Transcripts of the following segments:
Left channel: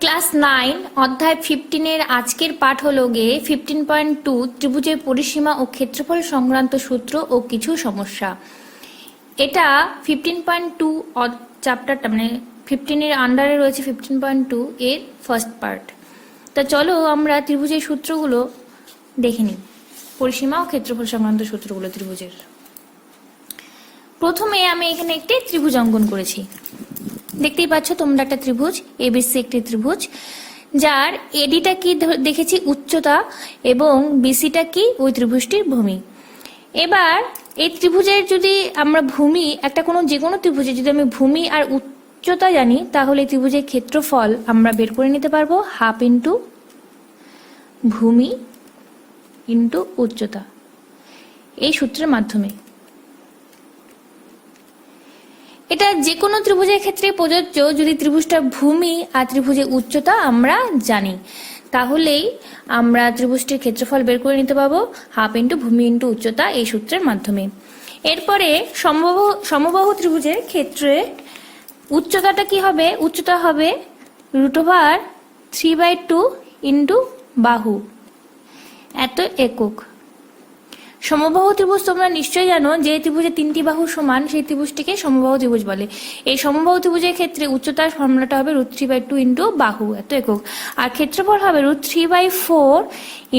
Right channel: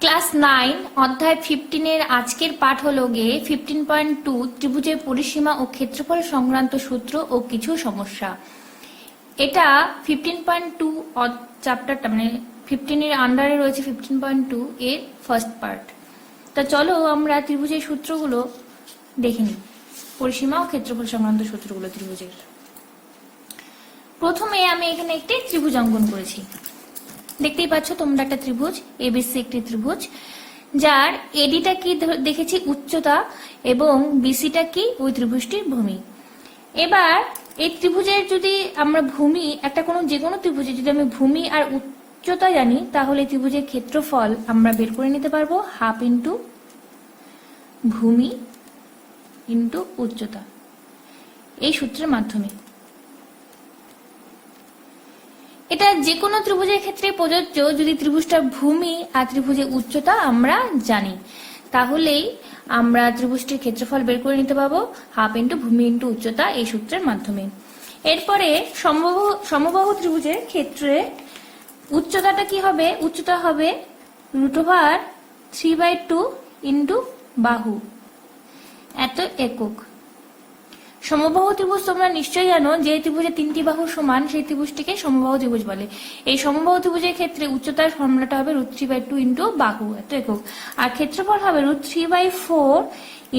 Class 9 অধ্যায় 15 আজকের পাঠ হলো গিয়ে 15.2 ত্রিভুজের পরিসীমা ও ক্ষেত্রফল সংক্রান্ত সূত্র ও কিছু সমস্যা। এটা 15.2 চ্যাপ্টারটা মানে 15 এর আন্ডারে রয়েছে 15.2 এর ফার্স্ট পার্ট। তা চলো আমরা ত্রিভুজের সূত্রগুলো দেখে নিই, পরিসীমা ও ক্ষেত্রফল সংক্রান্ত সূত্রগুলো ত্রিভুজের। প্রথমে আমি এখানে একটি ত্রিভুজ অঙ্কন করেছি। দেখতেই পাচ্ছ তোমরা একটা ত্রিভুজ এবিসি, একটি ত্রিভুজ যার এডিটা কি দেখেছি উচ্চতা এবং বিসিটা কি ওই ত্রিভুজটির ভূমি। এবার এই ত্রিভুজের যদি আমরা ভূমি একটা যে কোনো ত্রিভুজের যদি আমি ভূমি আর উচ্চতা জানি তাহলে ত্রিভুজের ক্ষেত্রফল আমরা বের করে নিতে পারবো হাফ ইন্টু ভূমি ইন্টু উচ্চতা, এই সূত্রের মাধ্যমে। এটা যে কোনো ত্রিভুজের ক্ষেত্রে প্রযোজ্য। যদি ত্রিভুজটার ভূমি আর ত্রিভুজের উচ্চতা আমরা জানি তাহলেই আমরা ত্রিভুজটির ক্ষেত্রফল বের করে নিতে পারবো হাফ ইন্টু ভূমি ইন্টু উচ্চতা, এই সূত্রের মাধ্যমে। এরপরে সমবাহু ত্রিভুজের ক্ষেত্রে উচ্চতাটা কি হবে? উচ্চতা হবে √3/2 ইন্টু বাহু, এত একক। সমবাহু ত্রিভুজ তোমরা নিশ্চয়ই জানো, যে ত্রিভুজে তিনটি বাহু সমান সেই ত্রিভুজটিকে সমবাহু ত্রিভুজ বলে। এই সমবাহু ত্রিভুজের ক্ষেত্রে উচ্চতার ফর্মুলাটা হবে √3/2 ইন্টু বাহু, এত একক। আর ক্ষেত্রফল হবে √3/4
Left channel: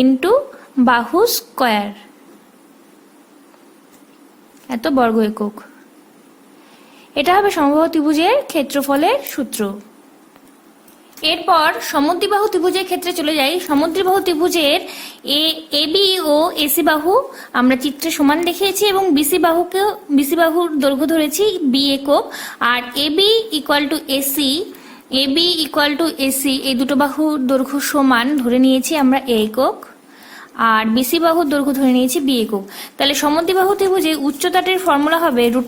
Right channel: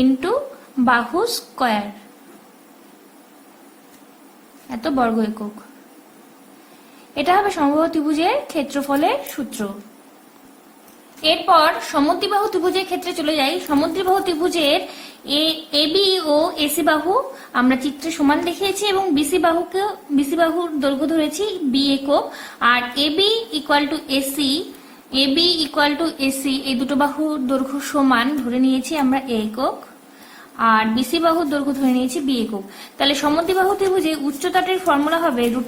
ইন্টু বাহু স্কয়ার, এত বর্গ একক। এটা হবে সমবাহু ত্রিভুজের ক্ষেত্রফলের সূত্র। এরপর সমদ্বিবাহু ত্রিভুজের ক্ষেত্রে চলে যাই। সমদ্বিবাহু ত্রিভুজের এবি ও এসি বাহু আমরা চিত্রে সমান দেখিয়েছি এবং বিসি বাহুর দৈর্ঘ্য ধরেছি বি একক। আর এবি ইকুয়াল টু এসি এই দুটো বাহুর দৈর্ঘ্য সমান ধরে নিয়েছি আমরা এ একক, আর বিসি বাহুর দৈর্ঘ্য ধরে নিয়েছি বি একক। তাহলে সমদ্বিবাহু ত্রিভুজে উচ্চতাটির ফর্মুলা হবে √a²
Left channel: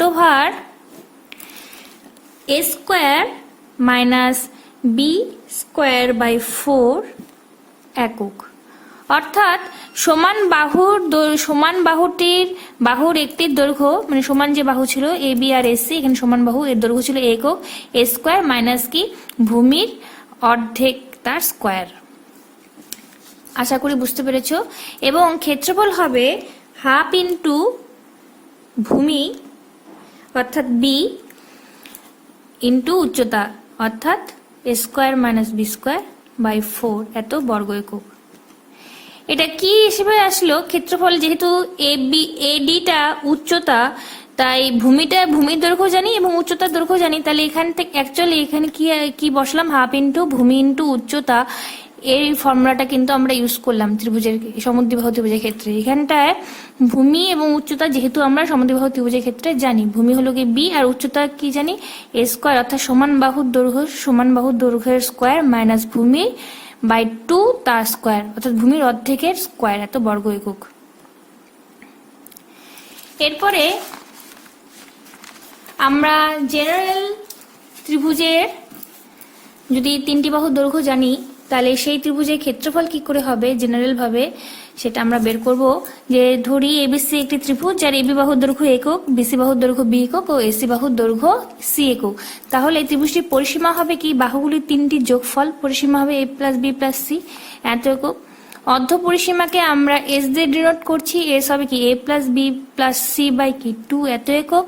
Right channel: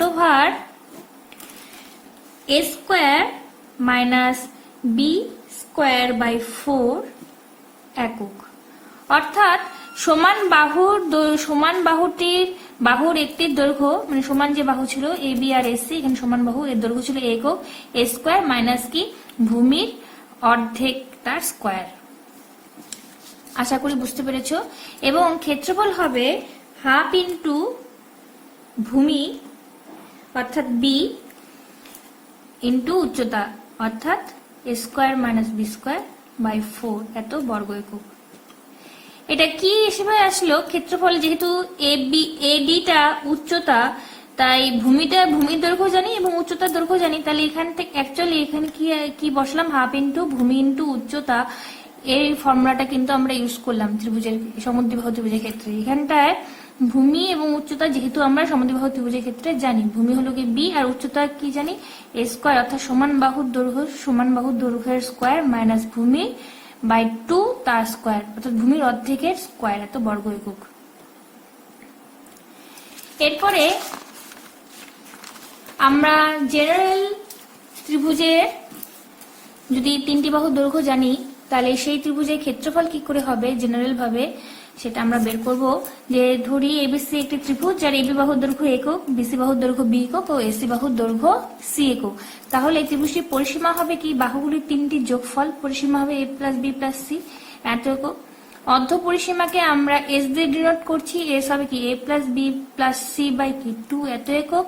- b²/4 একক। অর্থাৎ বাহুর একটির দৈর্ঘ্য মানে সমান যে বাহু ছিল এ বি আর এসি, এখানে সমান বাহু, এর দৈর্ঘ্য ছিল একক, এ স্কয়ার মাইনাস কি ভূমির অর্ধেক তার স্কয়ার। আশা করি বুঝতে পেরেছ। এবং ক্ষেত্রফল হবে হাফ ইন্টু ভূমি অর্থাৎ বি ইন্টু উচ্চতা অর্থাৎ a² - b²/4 এত বর্গ একক। এটা কি হিসেবে আসলো? ক্ষেত্রফল যেহেতু এডিটা উচ্চতা, তাই ভূমির দৈর্ঘ্য জানি এবং উচ্চতার দৈর্ঘ্য জানি, তাহলে এখান থেকে অ্যাকচুয়ালি এখানে কি বসলাম হাফ ইন্টু ভূমি ইন্টু উচ্চতা, এই ফর্মুলাটা কিন্তু আমরা ইউজ করলাম সমদ্বিবাহু ত্রিভুজের ক্ষেত্রে। এখানটায় ভূমি এবং উচ্চতা যেহেতু আমরা সমদ্বিবাহু ত্রিভুজের ক্ষেত্রে জানি, ভূমি হলো কি বি আর উচ্চতা কি জানি a² অর্থাৎ সমান বাহুর দৈর্ঘ্যের স্কয়ার মাইনাস ভূমি বাই 2 তার স্কয়ার অর্থাৎ ভূমির অর্ধেকের স্কয়ার, এত বর্গ একক। এরপরে আমরা জেনারেল ত্রিভুজের যদি তিনটি বাহুর দৈর্ঘ্য জানি তাহলে সেই ত্রিভুজের ক্ষেত্রফল কি করে হবে জেনারেল ভাবে সেটা আমরা বের করব। যে ধরি এবিসি একটি ত্রিভুজ যার এবি বাহুর দৈর্ঘ্য একক, বিসি বাহুর দৈর্ঘ্য বি একক ও এসি বাহুর দৈর্ঘ্য সি একক। তাহলে এই ত্রিভুজটির পরিসীমা হবে কি বাহুগুলির তিনটি যোগফল, পরিসীমা হবে a+b+c এত একক। অর্ধ পরিসীমাকে আমরা এস দিয়ে ডিনোট করছি, এস হবে কি a+b+c/2 এত একক।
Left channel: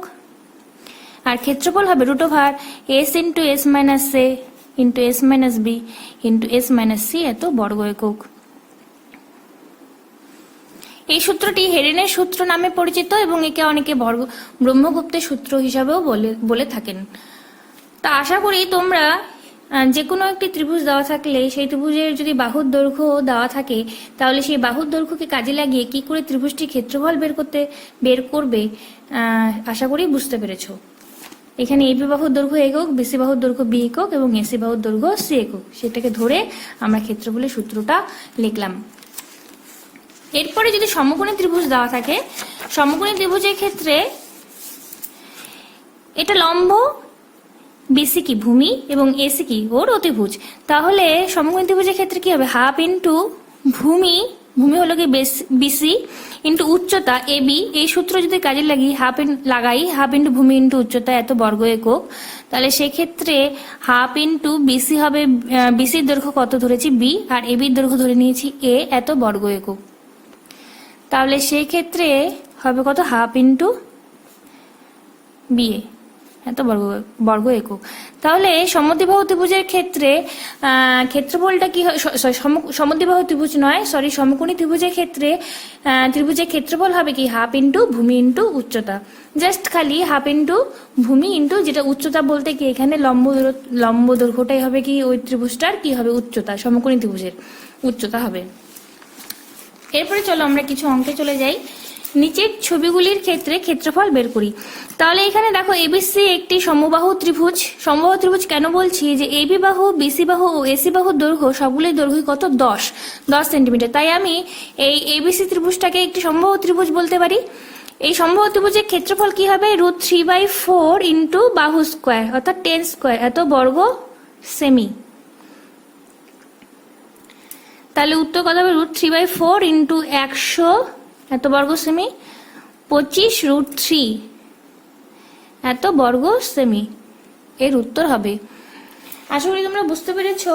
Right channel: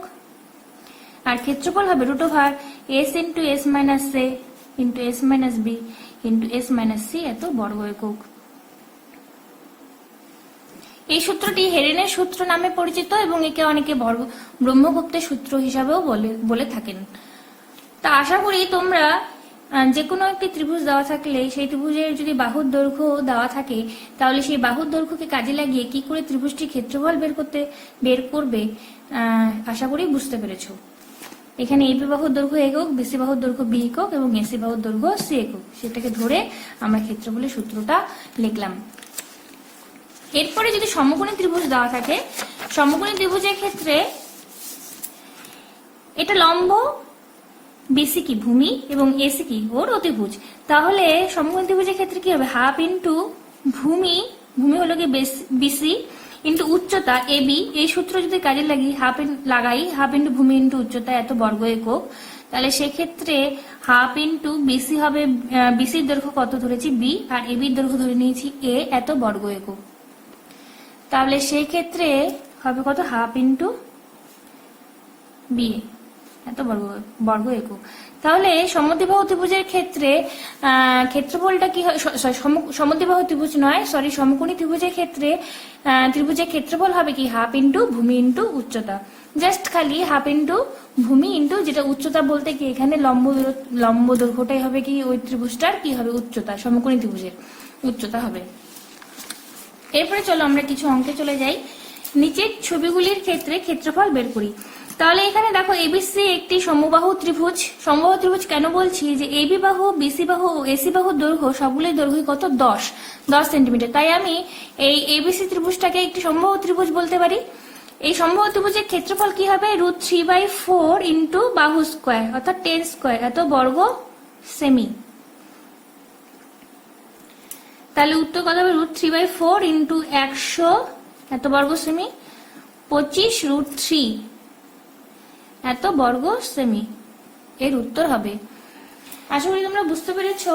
আর ক্ষেত্রফল হবে √s × s - a × s - b × s - c এত বর্গ একক। এই সূত্রটি হেরেনের সূত্র নামে পরিচিত এবং একে অনেকে ব্রহ্মগুপ্তের সূত্র হিসাবেও বলে থাকেন। তা আশা করি তোমরা যে কোনো একটি ত্রিভুজ দেওয়া থাকলে সেই ত্রিভুজের যদি বাহুর দৈর্ঘ্য দেওয়া থাকে তাহলে সেই বাহুর দৈর্ঘ্যকে কাজে লাগিয়ে কি করে ত্রিভুজটির ক্ষেত্রফল বের করবে আশা করি বুঝতে পেরেছো। এখানে এবি বাহুর দৈর্ঘ্য একক, বিসি বাহুর দৈর্ঘ্য বি একক এবং এসি বাহুর দৈর্ঘ্য সি একক, সেটাকে ধরে আমরা ক্ষেত্রফলের সূত্রটা লিখলাম। এরপরে যদি সমকোণী ত্রিভুজ দেওয়া থাকে, সমকোণী ত্রিভুজের ক্ষেত্রে এটা লম্ব, বিসি কি ভূমি এবং এসি কি ওর অতিভুজ, তাহলে সমকোণী ত্রিভুজের ক্ষেত্রে কি হবে হাফ ইন্টু ভূমি ভূমি হলো কি বিসি ইন্টু উচ্চতা এবি, এই সূত্র যদি কাজে লাগাই হাফ ইন্টু ভূমি ইন্টু উচ্চতা এত বর্গ একক, তাহলে সেক্ষেত্রে হাফ ইন্টু বিসি হবে, বিসির দৈর্ঘ্য কত ধরেছি বি, আর এবির দৈর্ঘ্য ধরে নিয়েছি এ এত বর্গ একক। তাহলে সেই ক্ষেত্রে হবে কত, হাফ ইন্টু বি এত বর্গ একক। তাহলে সমদ্বিবাহু ত্রিভুজের ক্ষেত্রে ক্ষেত্রফলটা কি হয়, সমদ্বিবাহু ত্রিভুজ নয় সরি, সমকোণী ত্রিভুজের ক্ষেত্রে ত্রিভুজের ক্ষেত্রফল হবে কি হাফ ইন্টু ভূমি ইন্টু উচ্চতা, জাস্ট খালি হাফ ইন্টু ভূমি ইন্টু যেটা উচ্চতা বলতে কি এখানে লম্ব দৈর্ঘ্যটাই হবে কি ওই ত্রিভুজটার কি হবে উচ্চতা, সমকোণী ত্রিভুজের উচ্চতা হবে। এরপরে চলো আমরা কিছু অঙ্কে চলে যাই। নিচের ছবিগুলির ক্ষেত্রে ক্ষেত্রফল বের করি। তাহলে এখানে দেখো এবিসি একটি সমবাহু ত্রিভুজ। সমবাহু ত্রিভুজ কেন বলছি, যে এবি বাহু, বিসি বাহু ও এসি বাহুর দৈর্ঘ্য সবগুলোই দৈর্ঘ্য কত 10 সেন্টিমিটার। তাই আমি এই এবিসি ত্রিভুজটাকে একটি সমবাহু ত্রিভুজ বলতে পারি। এই সমবাহু ত্রিভুজের ক্ষেত্রফল কি হবে, √3/4 ইন্টু বাহু স্কোয়ার অর্থাৎ 10 স্কোয়ার এত বর্গ সেমি। তাহলে উত্তর কত হবে, √3/4 ইন্টু 100 এত বর্গ সেমি, 25√3 এত বর্গ সেমি এর উত্তর হবে। আশা করি তোমরা বুঝতে পেরেছো।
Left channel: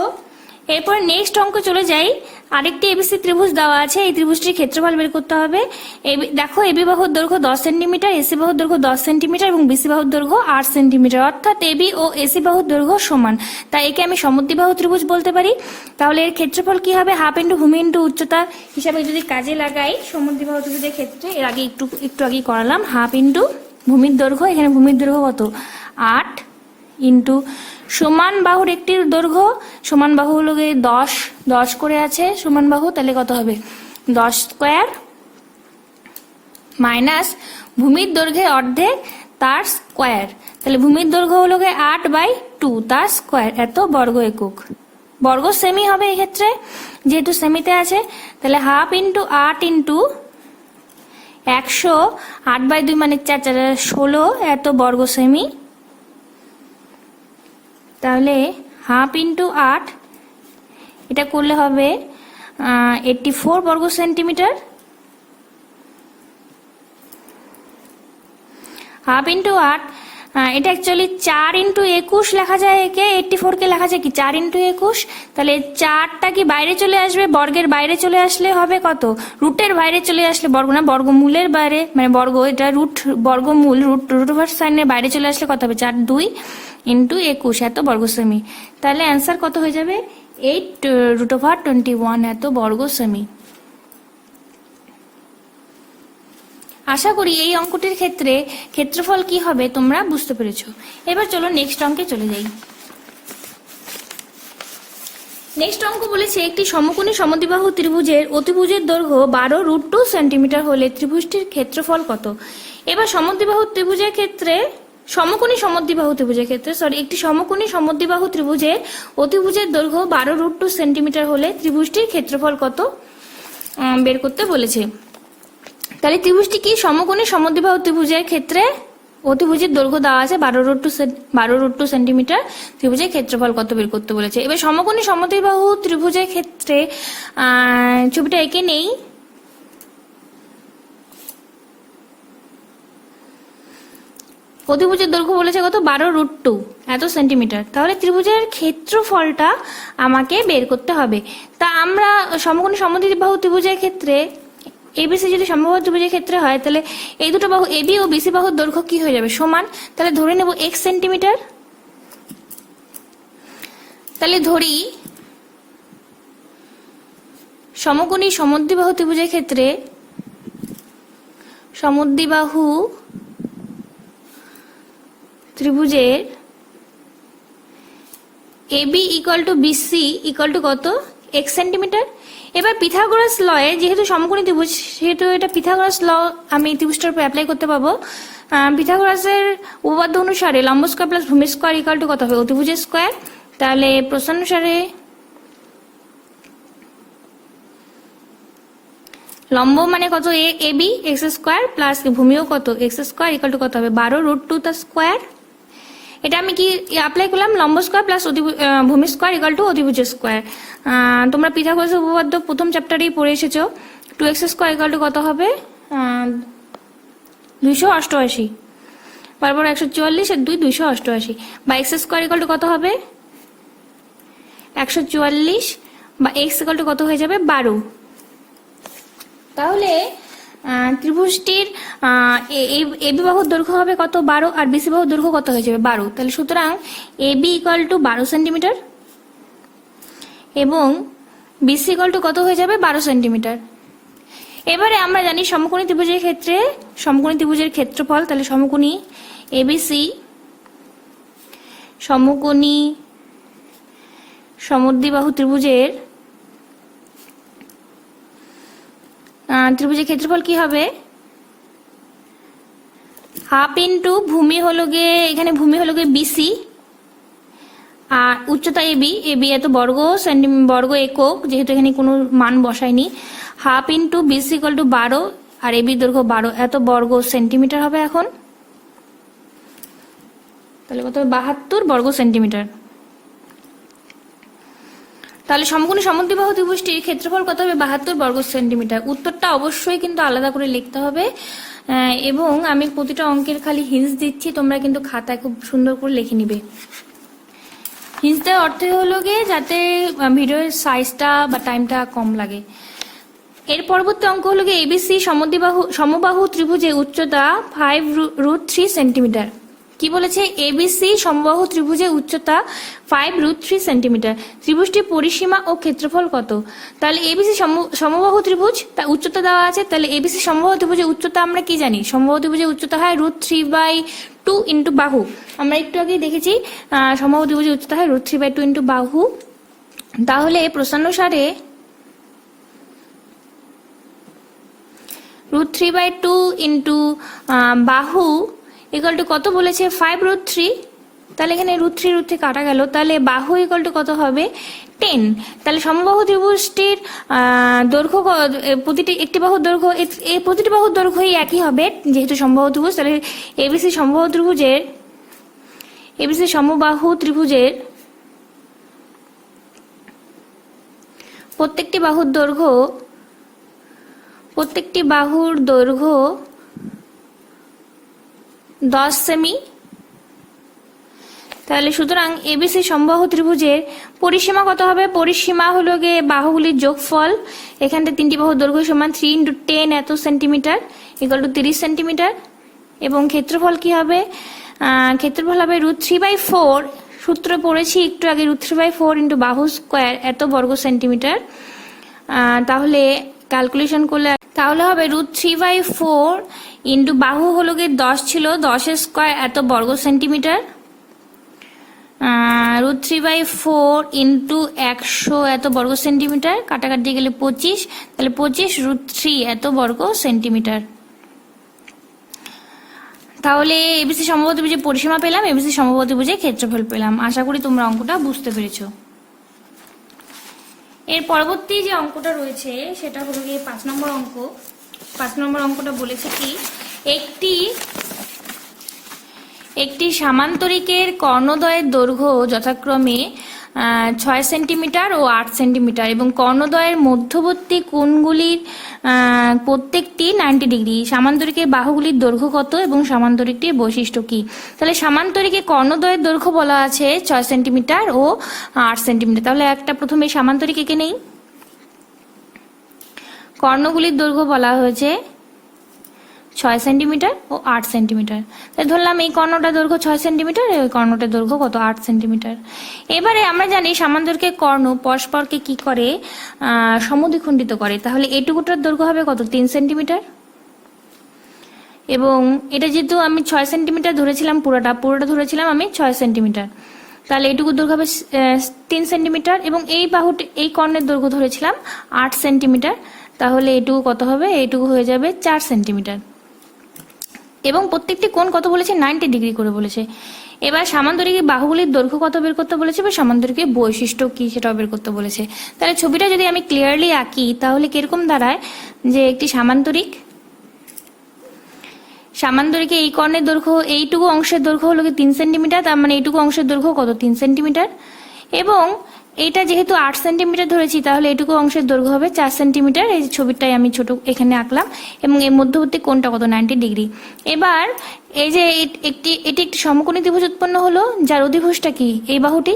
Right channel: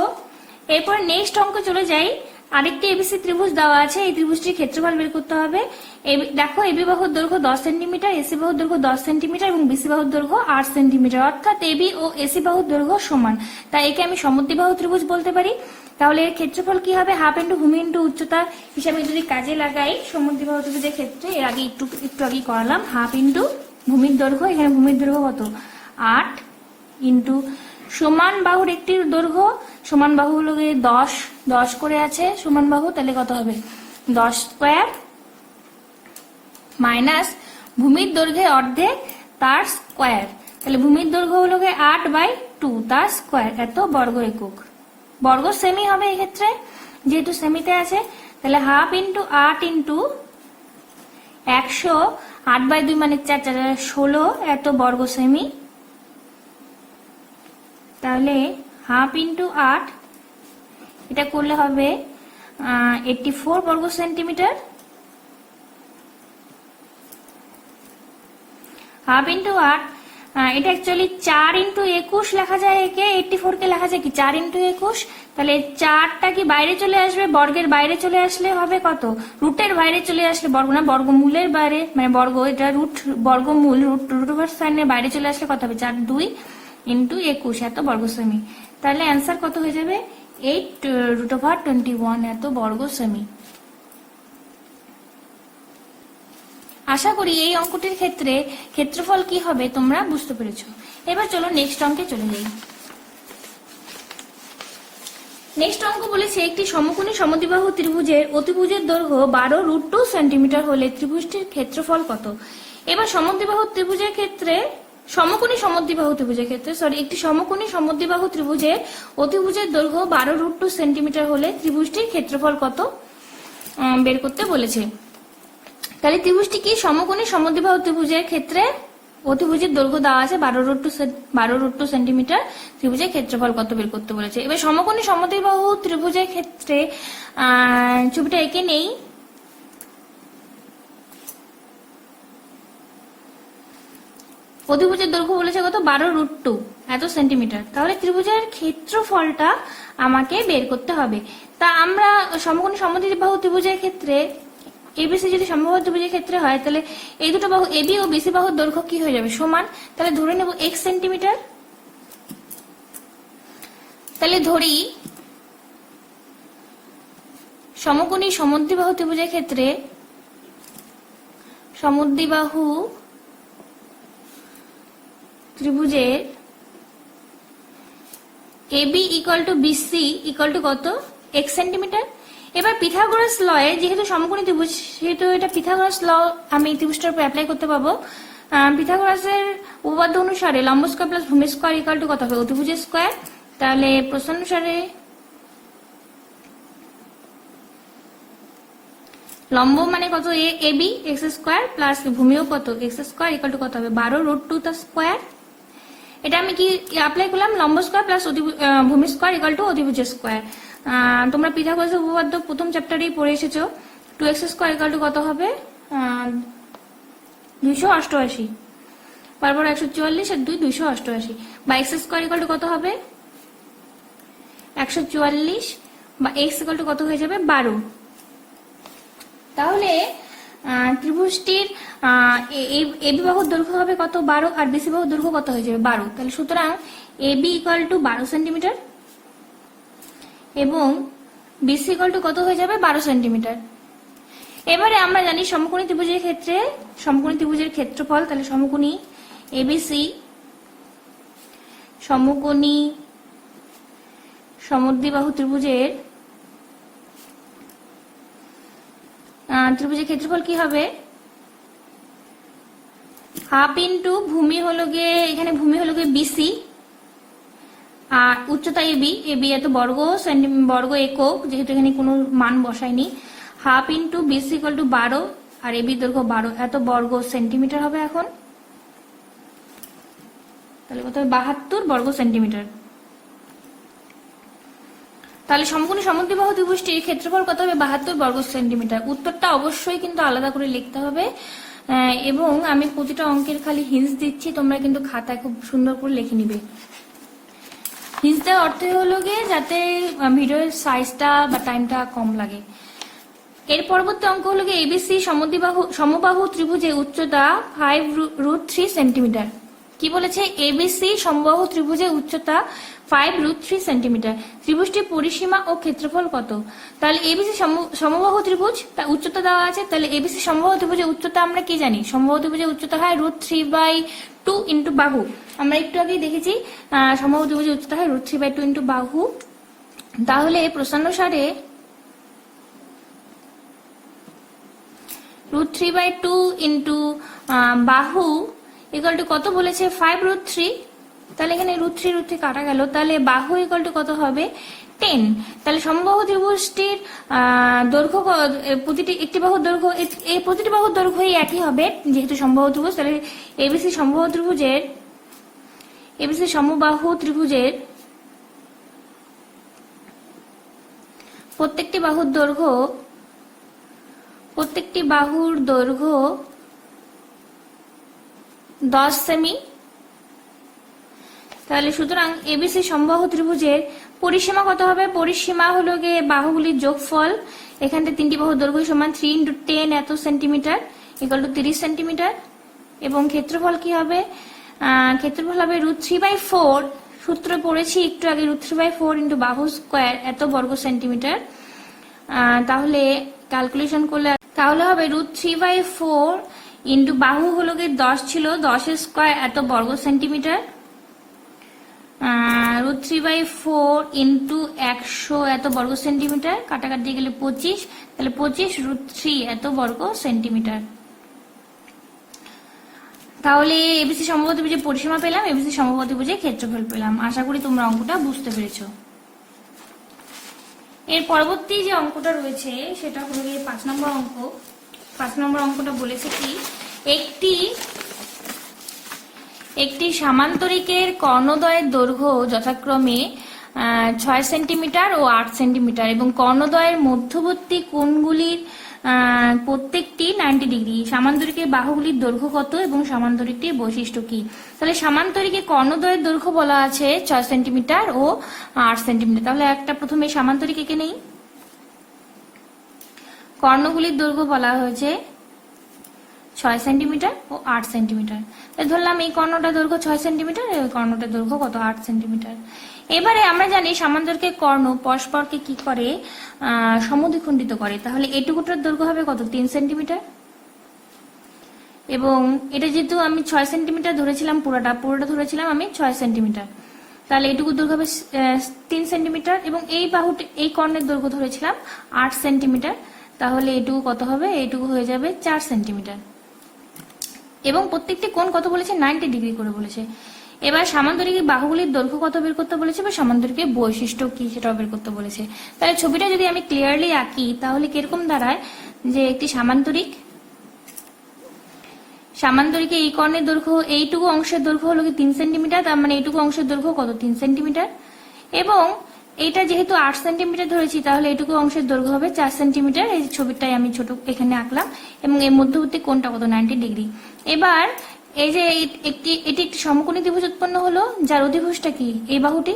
এরপর নেক্সট অঙ্ক চলে যাই। আরেকটি এবিসি ত্রিভুজ দেওয়া আছে, এই ত্রিভুজটির ক্ষেত্রফল বের করতে হবে। দেখো এবি বাহুর দৈর্ঘ্য 10 সেন্টিমিটার, এসি বাহুর দৈর্ঘ্য 10 সেন্টিমিটার এবং বিসি বাহুর দৈর্ঘ্য 8 সেন্টিমিটার, অর্থাৎ এবি ও এসি বাহুর দৈর্ঘ্য সমান। তাই একে আমি সমদ্বিবাহু ত্রিভুজ বলতে পারি। তাহলে এর ক্ষেত্রফল কি হবে, হাফ ইন্টু ভূমি ইন্টু উচ্চতা হিসাবে যদি কাজে লাগাই সমদ্বিবাহু ত্রিভুজের ক্ষেত্রে, এর আগে একটু আগে করালাম, হাফ ইন্টু ভূমির দৈর্ঘ্য, এখানে ভূমির দৈর্ঘ্য কত 8 ইন্টু সমান বাহুর একটির দৈর্ঘ্য, সমান বাহু হলো 10 করে আছে সমান বাহু, তাহলে কত হবে 10 স্কোয়ার মাইনাস ভূমির দৈর্ঘ্যের অর্ধেক তার স্কোয়ার, তাহলে ভূমির দৈর্ঘ্য হলো 8/2 তার স্কোয়ার এত বর্গ একক। বর্গ সেমি হবে এক্ষেত্রে যেহেতু সেমিতে আছে, তাহলে হাফ ইন্টু 8 ইন্টু 100, 8/2 মানে 4 16 এত বর্গ সেমি। তাহলে হাফ ইন্টু 8 এটা করলে হবে 84 বর্গ সেন্টিমিটার। হাফ ইন্টু 8 এটা অ্যাকচুয়ালি 4 ইন্টু 21 লেখা যায়, একে 84 কে লেখা যায় কি 4 ইন্টু 21। তাহলে 4টা কি বাইরে চলে আসবে, বর্গের বাইরে চলে আসলে হবে কত, রুটের বাইরে চলে আসলে, বর্গ না বর্গমূলের বাইরে, মানে বর্গ এটা বর্গমূল রুট ওভার সাইনের বাইরে চলে আসলে কত হবে 4/2 ইন্টু 21 এত বর্গ সেমি। তাহলে অ্যান্সার কত হয়ে যাবে 8√21 এত বর্গ সেমি। আশা করি এই অঙ্কটির ক্ষেত্রে ক্ষেত্রফল কি হবে তোমরা বুঝতে পেরেছো। এবার চলো নেক্সট অঙ্কে চলে যাই। নেক্সট অঙ্ক বলেছে একটি সমকোণী সমদ্বিবাহু ত্রিভুজের অতিভুজের দৈর্ঘ্য 12√2 সেন্টিমিটার হলে ত্রিভুজটির ক্ষেত্রফল কত। এবার সমদ্বিবাহু ত্রিভুজের ক্ষেত্রে একটি সমকোণী সমদ্বিবাহু ত্রিভুজের অতিভুজের দৈর্ঘ্য 12√2 সেন্টিমিটার হলে ত্রিভুজটির ক্ষেত্রফল কত বের করতে বলেছে। তাহলে ত্রিভুজটি কি সমকোণী সমদ্বিবাহু ত্রিভুজের ক্ষেত্রে অতিভুজের দৈর্ঘ্য দেওয়া আছে 12√2 সেন্টিমিটার, ত্রিভুজের ক্ষেত্রফল কত বের করতে বলেছে। এবার সমকোণী সমদ্বিবাহু ত্রিভুজের ক্ষেত্রে ছবিটা এঁকে নেই। অতিভুজের দৈর্ঘ্য বলেছে কত 12√2 এত সেন্টিমিটার, তাহলে ত্রিভুজের ক্ষেত্রফলটা আমাকে বের করতে হবে। তা আমরা সমকোণী সমদ্বিবাহু ত্রিভুজের ক্ষেত্রে এবিসি যদি সমবাহু ত্রিভুজের ক্ষেত্রে হয়, তাহলে এই দুটো বাহু এবি ও বিসি বাহুর দৈর্ঘ্য কি হয়ে যাবে সমান, তাহলে ধরে নেব x সেন্টিমিটার। তাহলে ধরি সমকোণী সমদ্বিবাহু ত্রিভুজের ক্ষেত্রে সমদ্বিবাহু ত্রিভুজের AB equal to BC equal to কত x সেন্টিমিটার। এবার পিথাগোরাস লয়ে যেহেতু সমকোণী ত্রিভুজ সেহেতু এটা পিথাগোরাস ল আমি ত্রিভুজটার উপর অ্যাপ্লাই করতে পারবো। পিথাগোরাসের উপপাদ্য অনুসারে লম্ব স্কয়ার প্লাস ভূমি স্কয়ার ইকুয়াল টু কত হবে অতিভুজের স্কয়ার। তাহলে প্রশ্নানুসারে লম্ব মানে কত এবি x স্কয়ার প্লাস ভূমিও কত x স্কয়ার ইকুয়াল টু কত হবে 12√2 তার স্কয়ার। এটা আমি কি অ্যাপ্লাই করলাম লম্ব স্কয়ার প্লাস ভূমি স্কয়ার ইকুয়াল টু অতিভুজ স্কয়ার। তোমরা পিথাগোরাসের উপপাদ্য প্রথম চ্যাপ্টারেই পড়ে এসেছো, 2x স্কোয়ার ইকুয়াল টু কত হবে 288, বারবার 144 আর 2 288, বা x স্কোয়ার ইকুয়াল টু কত হবে 144, বা x ইকুয়াল টু কত হয়ে যাবে 12। তাহলে ত্রিভুজটির এবি বাহুর দৈর্ঘ্য হবে কত 12, আর বিসি বাহুর দৈর্ঘ্য কত হয়ে যাবে 12। তাহলে সুতরাং এবি ইকুয়াল টু 12 সেন্টিমিটার এবং বিসি ইকুয়াল টু কত হয়ে যাবে 12 সেন্টিমিটার। এবারে আমরা জানি সমকোণী ত্রিভুজের ক্ষেত্রে সমকোণী ত্রিভুজের ক্ষেত্রফল, তাহলে সমকোণী এবিসি সমকোণী সমদ্বিবাহু ত্রিভুজের ক্ষেত্রফল কি হবে, হাফ ইন্টু ভূমি হলো গিয়ে, এখানে ভূমি হলো গিয়ে বিসি আর উচ্চতা এবি, এত বর্গ একক, যেহেতু এখানে কোনো মান বসায়নি, half into BC equal to 12 আর এবি দৈর্ঘ্য 12, এত বর্গ সেন্টিমিটার হবে এখন। তাহলে কত হবে 72 বর্গ সেন্টিমিটার। তাহলে সমকোণী সমদ্বিবাহু ত্রিভুজটির ক্ষেত্রফল কত হবে 72 বর্গ সেন্টিমিটার। উত্তরটা অবশ্যই কিন্তু আলাদা করে লিখতে হবে, এবং আমি প্রতিটা অঙ্কের খালি হিন্টস দিচ্ছি, তোমরা কিন্তু খাতায় খুব সুন্দর করে লিখে নিবে। হিন্টস দেওয়ার অর্থ হলো গিয়ে যাতে ভিডিওর সাইজটা বা টাইমটা কম লাগে। এর পরবর্তী অঙ্ক হলো গিয়ে এবিসি সমবাহু ত্রিভুজে উচ্চতা 5√3 সেন্টিমিটার। কি বলেছে, এবিসি সমবাহু ত্রিভুজের উচ্চতা 5√3 সেন্টিমিটার। ত্রিভুজটির পরিসীমা ও ক্ষেত্রফল কত। তাহলে এবিসি সমবাহু ত্রিভুজ, তার উচ্চতা দেওয়া আছে। তাহলে এবিসি সমবাহু ত্রিভুজের উচ্চতা আমরা কি জানি, সমবাহু ত্রিভুজের উচ্চতা হয় √3/2 ইন্টু বাহু। আমরা একটু আগেই দেখেছি সমবাহু ত্রিভুজের উচ্চতা হয় √3/2 ইন্টু বাহু। তাহলে প্রশ্নানুসারে √3/2 ইন্টু বাহু ইকুয়াল টু কত বলেছে 5√3। তাহলে এখানে √3 কাটা গেল, তাহলে বাহু ইকুয়াল টু কত হবে 10। তাহলে সমবাহু ত্রিভুজটির দৈর্ঘ্য, একটি বাহুর দৈর্ঘ্য, এই প্রতিটি বাহুর দৈর্ঘ্যই একই হবে যেহেতু সমবাহু ত্রিভুজ। তাহলে এবিসি সমবাহু ত্রিভুজের প্রত্যেকটি বাহুর দৈর্ঘ্য 10 সেমি। তাহলে সুতরাং এবিসি সমবাহু ত্রিভুজের পরিসীমা কত হবে, পরিসীমা হলো গিয়ে বাহুগুলির যোগফল, এখান থেকে তিনটি বাহুর দৈর্ঘ্য সমান 3 × 10 এত সেন্টিমিটার ইকুয়াল টু 30 সেন্টিমিটার। এবং ক্ষেত্রফল কি হবে, ক্ষেত্রফল হবে √3/4, সূত্র পড়েছি একটু আগে, √3/4 ইন্টু বাহু স্কোয়ার এত বর্গ সেন্টিমিটার। তাহলে ক্যালকুলেশন করলে তাহলে হবে √3/4 ইন্টু বাহু হলো গিয়ে 10 ছিল, 10 স্কোয়ার এত বর্গ সেন্টিমিটার, √3/4 ইন্টু 100 এত বর্গ সেন্টিমিটার, কাটাকাটি গেলে 25, তাহলে 25√3 এত বর্গ সেন্টিমিটার। তাহলে এবিসি সমবাহু ত্রিভুজের পরিসীমা পেলাম, এবিসি সমবাহু ত্রিভুজের ক্ষেত্রফল পেলাম। আশা করি তোমরা অঙ্কটা বুঝতে পেরেছো। এর পরবর্তী যে অঙ্কটা রয়েছে সেটা হলো গিয়ে 5 নম্বর অঙ্ক। 5 নম্বর অঙ্কটা বলেছে কি, একটি সামান্তরিকের কর্ণদ্বয়ের দৈর্ঘ্য যথাক্রমে 6 সেন্টিমিটার ও 8 সেন্টিমিটার এবং কর্ণদ্বয়ের মধ্যবর্তী কোণগুলির প্রত্যেকটি 90 ডিগ্রি। সামান্তরিকের বাহুগুলির দৈর্ঘ্য কত এবং সামান্তরিকটির বৈশিষ্ট্য কি। তাহলে সামান্তরিকের কর্ণদ্বয়ের দৈর্ঘ্য বলা আছে 6 সেন্টিমিটার ও 8 সেন্টিমিটার। তাহলে একটা প্রথমে সামান্তরিক এঁকে নেই। কর্ণগুলির দৈর্ঘ্য বলা হয়েছে 6 সেন্টিমিটার ও 8 সেন্টিমিটার। তাই ধরলাম এই কর্ণটার দৈর্ঘ্য 6 সেন্টিমিটার, এই কর্ণটার দৈর্ঘ্য কত 8 সেন্টিমিটার। এবারে আমরা জানি সামান্তরিকের কর্ণ পরস্পরকে কি করে, সমদ্বিখণ্ডিত করে। তাহলে এটুকুটার দৈর্ঘ্য হবে কত 3 সেন্টিমিটার, এবং এটা যেহেতু আমি 6 সেন্টিমিটার ধরেছিলাম, পুরোটা ধরেছিলাম আমি 6 সেন্টিমিটার, তাহলে এটুকু দৈর্ঘ্য হবে 3 সেন্টিমিটার, এবং এই কর্ণের দৈর্ঘ্য ধরেছিলাম 8 সেন্টিমিটার, তাহলে এটুকু কত হবে, এইটুকু হয়ে যাবে 4 সেন্টিমিটার। এবং প্রত্যেকটি কোণ কত বলেছে 90 ডিগ্রি করে বলেছে। এবার সামান্তরিকের বাহুগুলির দৈর্ঘ্য কত বের করতে বলেছে, বা সামান্তরিকের বৈশিষ্ট্য কি সেটা বের করতে বলেছে। তাহলে ছবিটা যদি আমি ক্লিয়ারলি আঁকি তাহলে কিরকম দাঁড়ায়, যে একটি সামান্তরিকে এই কর্ণের দৈর্ঘ্য, এইটুকু অংশের দৈর্ঘ্য হলো 3 সেন্টিমিটার, তার মানে এইটুকু অংশের দৈর্ঘ্য কত 3 সেন্টিমিটার, এবং এটা যেহেতু 8 সেন্টিমিটার ধরেছি, তাহলে এটুকু অংশের দৈর্ঘ্য হবে 4 সেন্টিমিটার। এই ছবিটাই আমি ছোট এখানে আঁকলাম, এবং এর মধ্যবর্তী কোণটা কত, 90 ডিগ্রি। এবার এই যে এটি একটি সমকোণী ত্রিভুজ উৎপন্ন হলো, যার অধিভুজটা কি, এই বাহুটি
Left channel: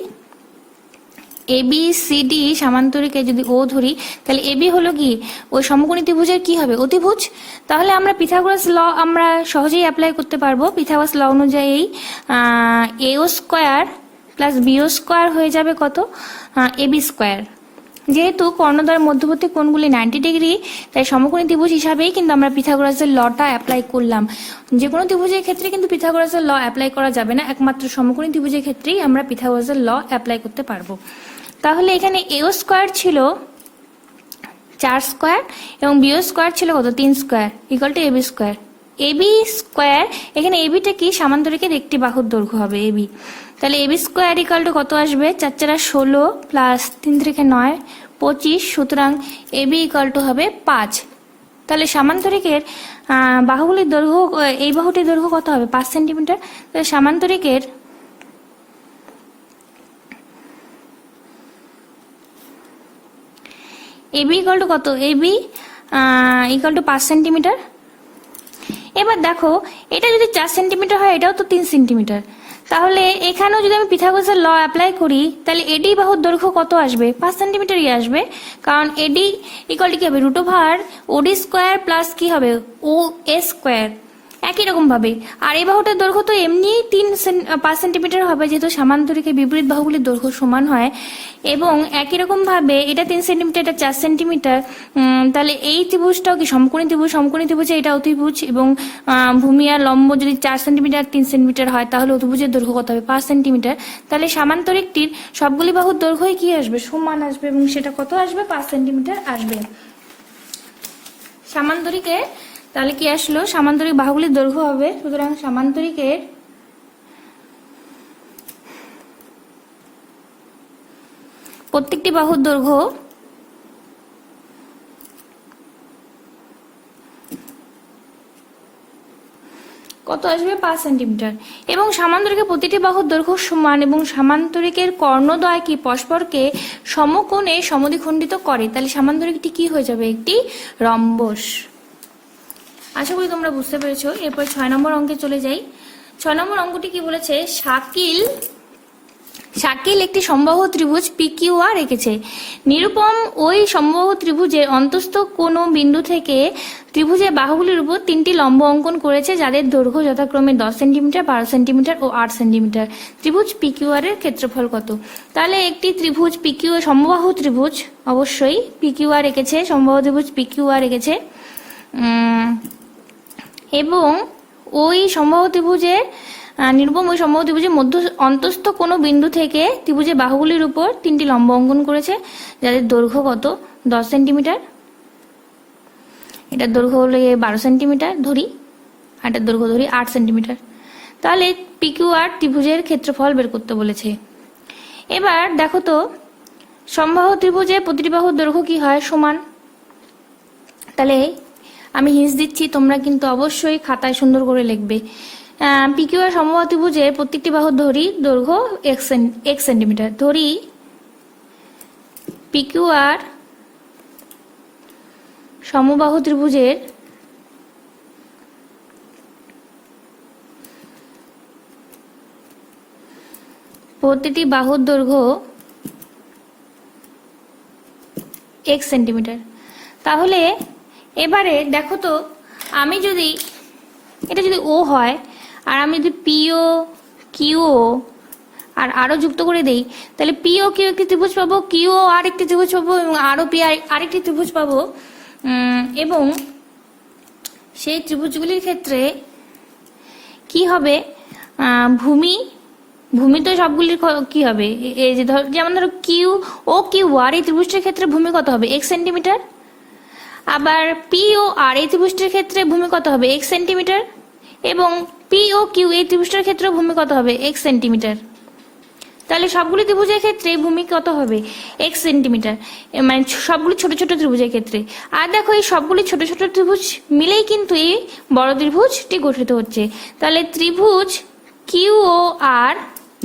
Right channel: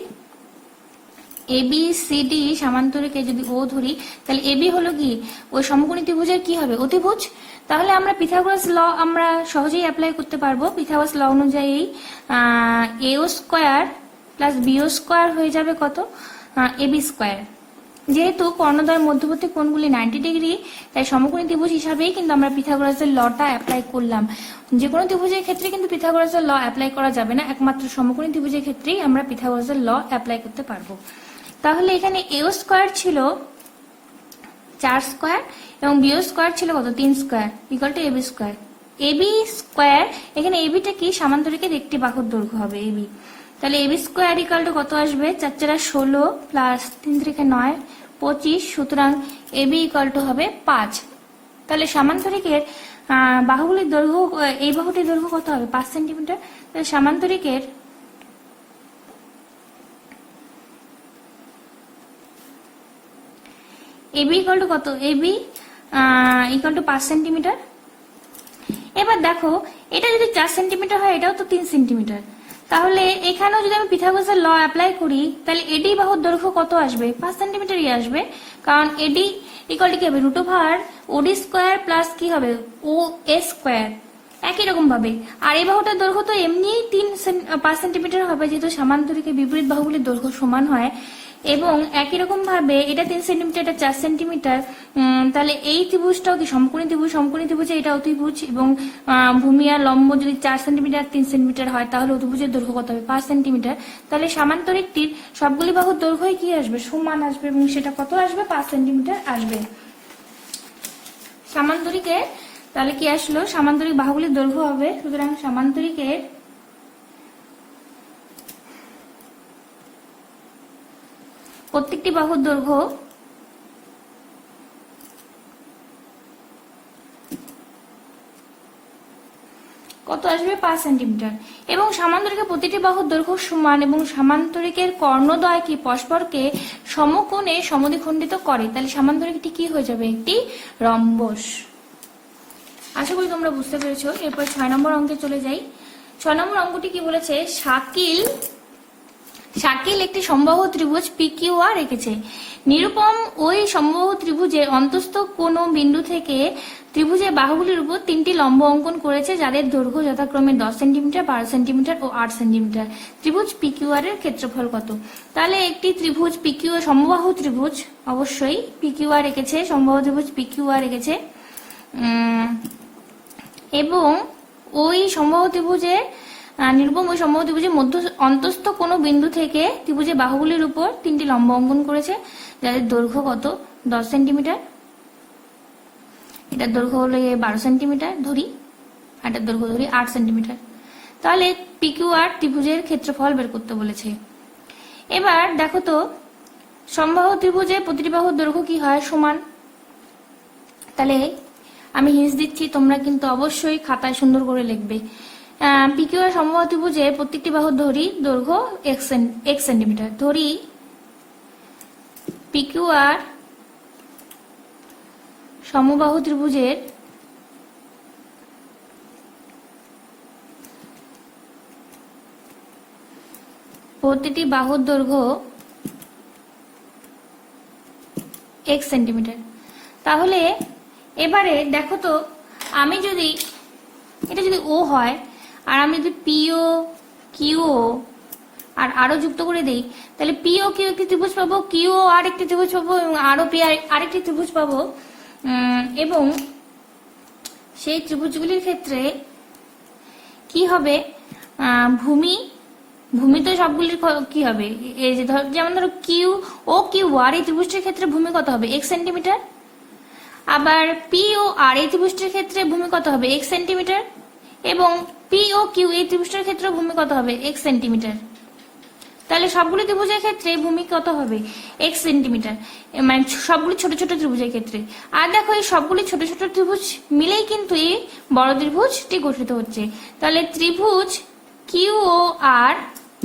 এবি সিডি সামান্তরিকে যদি ও ধরি, তাহলে এবি হলো কি ওই সমকোণী ত্রিভুজের কি হবে, অতিভুজ। তাহলে আমরা পিথাগোরাস ল আমরা সহজেই অ্যাপ্লাই করতে পারবো। পিথাগোরাস ল অনুযায়ী এও স্কোয়ার প্লাস বিও স্কোয়ার হয়ে যাবে কত, এবি স্কোয়ার। যেহেতু কর্ণদ্বয়ের মধ্যবর্তী কোণগুলি 90 ডিগ্রি, তাই সমকোণী ত্রিভুজ হিসাবেই কিন্তু আমরা পিথাগোরাসের লটা অ্যাপ্লাই করলাম। যে কোনো ত্রিভুজের ক্ষেত্রে কিন্তু পিথাগোরাসের ল অ্যাপ্লাই করা যাবে না, একমাত্র সমকোণী ত্রিভুজের ক্ষেত্রেই আমরা পিথাগোরাসের ল অ্যাপ্লাই করতে পারবো। তাহলে এখানে এও স্কোয়ার ছিল 4 স্কোয়ার এবং বিও স্কোয়ার ছিল কত, 3 square, equal to AB square. AB square, এখানে এবিটা কি, সামান্তরিকের একটি বাহুর দৈর্ঘ্য হবে এবি। তাহলে এবি স্কোয়ার ইকুয়াল টু কত আসবে, 4 4 16 প্লাস 3 3 9 25, সুতরাং এবি ইকুয়াল টু হবে 5। তাহলে সামান্তরিকের বাহুগুলির দৈর্ঘ্য, এই বাহুটির দৈর্ঘ্য কত হবে, 5 সেন্টিমিটার। তাহলে সামান্তরিকের এবি ইকুয়াল টু কত, এবি ইকুয়াল টু 5 সেন্টিমিটার। এবার দেখো, এটা যদি 4 সেন্টিমিটার হয়, এটাও তো 3 সেন্টিমিটার। তাহলে এখানেও যদি আমি পিথাগোরাসের ল অ্যাপ্লাই করি, তাহলে এডি বাহুর দৈর্ঘ্য কত আসবে, 5 সেন্টিমিটারই আসবে। কারণ এডি ইকুয়াল টু কি হবে, root over OD square plus কি হবে, ও এ স্কোয়ার। একই রকম ভাবে আর এই বাহুটার দৈর্ঘ্য তো এমনি 5 সেন্টিমিটার হবে, যেহেতু সামান্তরিকের বিপরীত বাহুগুলির দৈর্ঘ্য সমান হয়। এবং একই রকম ভাবে এটা 3 সেন্টিমিটার, এটা 4 সেন্টিমিটার। তাহলে এই ত্রিভুজটাও কি সমকোণী ত্রিভুজ, সমকোণী ত্রিভুজে এটা অতিভুজ, এবং ভূমি আর লম্ব যদি 4 সেন্টিমিটার 3 সেন্টিমিটার হয়, তাহলে অতিভুজের দৈর্ঘ্য কত হবে, 5 সেন্টিমিটার। তাহলে সামান্তরিকটির সবগুলি বাহুর দৈর্ঘ্যই কি আসবে, সমান আসবে, এবং সেটা কত আসবে, 5 সেন্টিমিটার আসবে সামান্তরিকের। তাহলে কি আসলো, সামান্তরিক বাহুগুলির দৈর্ঘ্য হবে, সুতরাং সামান্তরিকের প্রত্যেকটি বাহুর দৈর্ঘ্য কত আসবে, 5 সেন্টিমিটার। এবং সামান্তরিকের প্রতিটি বাহুর দৈর্ঘ্য সমান, এবং সামান্তরিকের কর্ণদ্বয় কি পরস্পরকে সমকোণে সমদ্বিখণ্ডিত করে। তাহলে সামান্তরিকটি কি হয়ে যাবে, একটি রম্বস। আশা করি তোমরা বুঝতে পেরেছো। এরপর 6 নম্বর অঙ্কে চলে যাই। 6 নম্বর অঙ্কটি কি বলেছে, শাকিল একটি সমবাহু ত্রিভুজ পিকিউআর এঁকেছে। নিরুপম ওই সমবাহু ত্রিভুজের অন্তস্থ কোন বিন্দু থেকে ত্রিভুজের বাহুগুলির উপর 3টি লম্ব অঙ্কন করেছে, যাদের দৈর্ঘ্য যথাক্রমে 10 সেন্টিমিটার, 12 সেন্টিমিটার ও 8 সেন্টিমিটার। ত্রিভুজ পিকিউআর এর ক্ষেত্রফল কত। তাহলে একটি ত্রিভুজ পিকিউআর, সমবাহু ত্রিভুজ, অবশ্যই পিকিউআর এঁকেছে, সমবাহু ত্রিভুজ পিকিউআর এঁকেছে। এবং ওই সমবাহু ত্রিভুজের নিরুপম ওই সমবাহু ত্রিভুজের মধ্য অন্তস্থ কোনো বিন্দু থেকে ত্রিভুজের বাহুগুলির উপর 3টি লম্ব অঙ্কন করেছে, যাদের দৈর্ঘ্য কত, 10 সেন্টিমিটার। এটার দৈর্ঘ্য হলো 12 সেন্টিমিটার ধরি, আর এটার দৈর্ঘ্য ধরি 8 সেন্টিমিটার। তাহলে পিকিউআর ত্রিভুজের ক্ষেত্রফল বের করতে বলেছে। এবার দেখো তো, সমবাহু ত্রিভুজের প্রতিটি বাহুর দৈর্ঘ্য কি হয়, সমান। তাহলে আমি হিন্টস দিচ্ছি, তোমরা কিন্তু অবশ্যই খাতায় সুন্দর করে লিখবে। পিকিউআর সমবাহু ত্রিভুজের প্রত্যেকটি বাহুর দৈর্ঘ্য 1 সেন্টিমিটার। ধরি পিকিউআর সমবাহু ত্রিভুজের প্রতিটি বাহুর দৈর্ঘ্য 1 সেন্টিমিটার। তাহলে এবারে দেখো তো, আমি যদি এটা যদি ও হয়, আর আমি যদি পিও কিউও আর আরো যুক্ত করে দেই, তাহলে পিও কিউ একটি ত্রিভুজ পাবো, কিউও আর একটি ত্রিভুজ পাবো, এবং আরো পি আরেকটি ত্রিভুজ পাবো। এবং সেই ত্রিভুজগুলির ক্ষেত্রে কি হবে, ভূমি তো সবগুলির কি হবে, এই যে যেমন ধরো কিউ ও কিউ আর এই ত্রিভুজটির ক্ষেত্রে ভূমি কত হবে, 1 সেন্টিমিটার। আবার পি ও আর এই ত্রিভুজটির ক্ষেত্রে ভূমি কত হবে, 1 সেন্টিমিটার। এবং পি ও কিউ এই ত্রিভুজটির ক্ষেত্রে ভূমি কত হবে, 1 সেন্টিমিটার। তাহলে সবগুলি ত্রিভুজের ক্ষেত্রে ভূমি কত হবে, 1 সেন্টিমিটার, মানে সবগুলি ছোট ছোট ত্রিভুজের ক্ষেত্রে। আর দেখো, এই সবগুলি ছোট ছোট ত্রিভুজ মিলেই কিন্তু এই বড় ত্রিভুজটি গঠিত হচ্ছে। তাহলে ত্রিভুজ কিউ ও আর,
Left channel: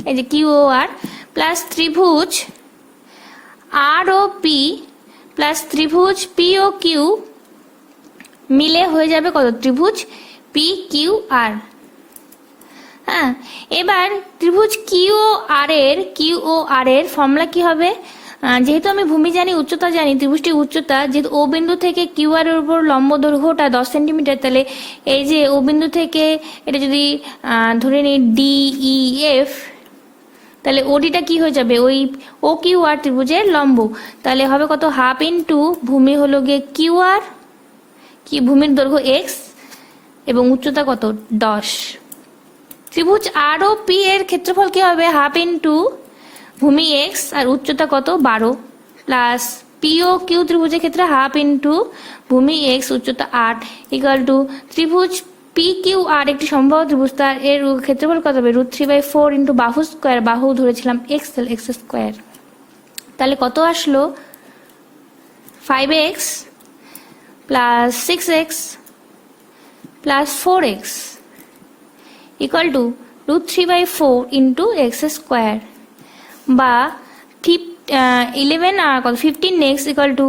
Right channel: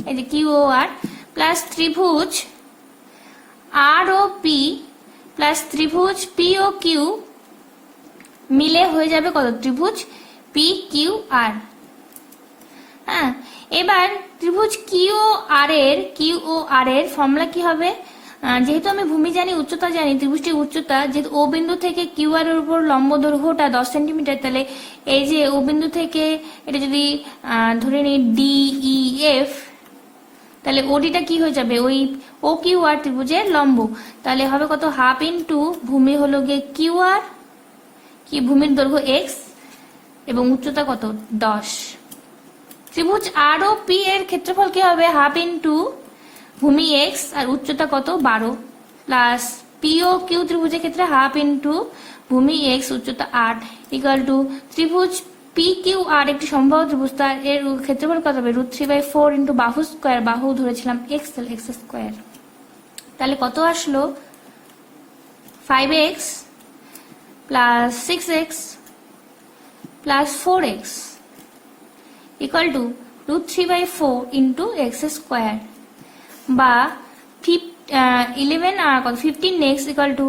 এই যে কিউ ও আর প্লাস ত্রিভুজ পি প্লাস ত্রিভুজ পি ও কিউ মিলে হয়ে যাবে কত? ত্রিভুজ পি কিউ আর। হ্যাঁ, এবার ত্রিভুজ কিউ ও আর এর ফর্মুলা কি হবে? যেহেতু আমি ভূমি জানি, উচ্চতা জানি, ত্রিভুজটির উচ্চতা যেহেতু ও বিন্দু থেকে কিউ আর এর উপর লম্ব দৈর্ঘ্যটা 10 সেন্টিমিটার, তাহলে এই যে ও বিন্দু থেকে এটা যদি ধরে নিই DEF, তাহলে ওডিটা কি হয়ে যাবে? ওই ও কিউ আর ত্রিভুজের লম্ব। তাহলে হবে কত? হাফ ইন্টু ভূমি হলো গিয়ে কিউ আর, কি ভূমির দৈর্ঘ্য এক্স এবং উচ্চতা কত? 10। ত্রিভুজ আর ও পি এর ক্ষেত্রফল কি হবে? হাফ ইন্টু ভূমি এক্স আর উচ্চতা কত? 12 প্লাস পি ও কিউ ত্রিভুজের ক্ষেত্রে হাফ ইন্টু ভূমি এক্স উচ্চতা 8 ইকুয়াল টু ত্রিভুজ পি কিউ আর একটি সম্ভাব্য ত্রিভুজ, তার এর ক্ষেত্রফল কত হবে? √3/4 ইন্টু বাহু স্কোয়ার, বাহু ধরেছিলাম এক্স, তাহলে এক্স স্কোয়ার। তাহলে কত আসলো? 5x plus 6x plus 4x equal to √3/4 into x square, বা 15x equal to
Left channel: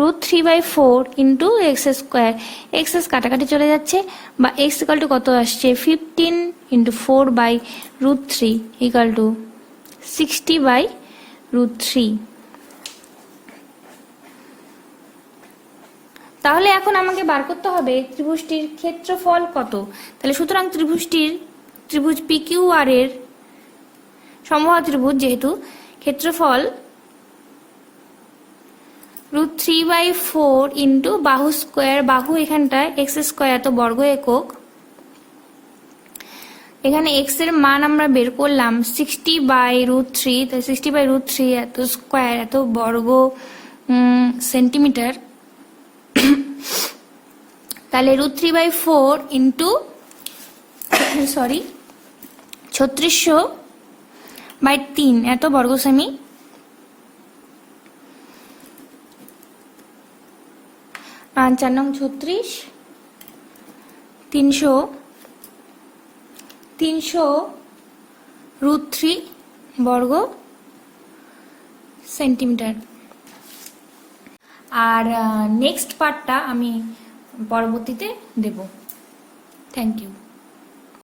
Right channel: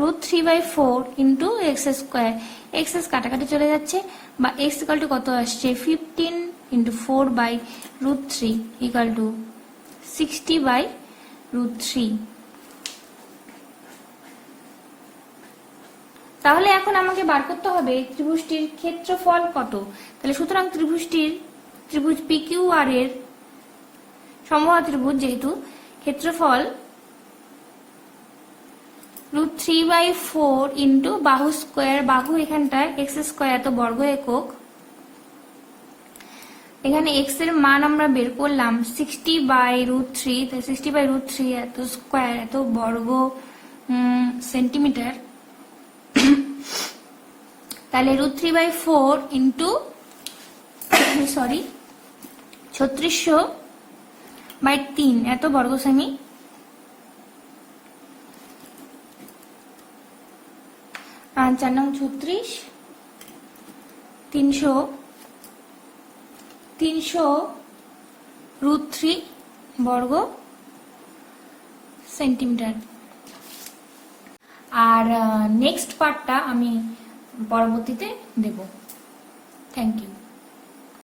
√3/4 into x square. X কাটাকাটি চলে যাচ্ছে, বা এক্স ইকুয়াল টু কত আসছে? 15 ইন্টু 4/√3 ইকুয়াল টু 60/√3। তাহলে এখন আমাকে বার করতে হবে ত্রিভুজটির ক্ষেত্রফল কত। তাহলে সুতরাং ত্রিভুজ পি কিউ আর এর সম্ভাব্য ত্রিভুজ যেহেতু, ক্ষেত্রফল √3/4 ইন্টু বাহু স্কোয়ার, বাহু এখানটায় এক্স স্কোয়ার এত বর্গ একক, এখানে এক্স এর মান আমরা বের করলাম 60/√3, তাই 60/√3 এত স্কোয়ার এত বর্গ সেন্টিমিটার, তাহলে √3/4 ইন্টু 3600/3 এত বর্গ সেমি, আর 4 নং 36 300√3 বর্গ সেন্টিমিটার। আর নেক্সট পার্টটা আমি পরবর্তীতে দেব। Thank you.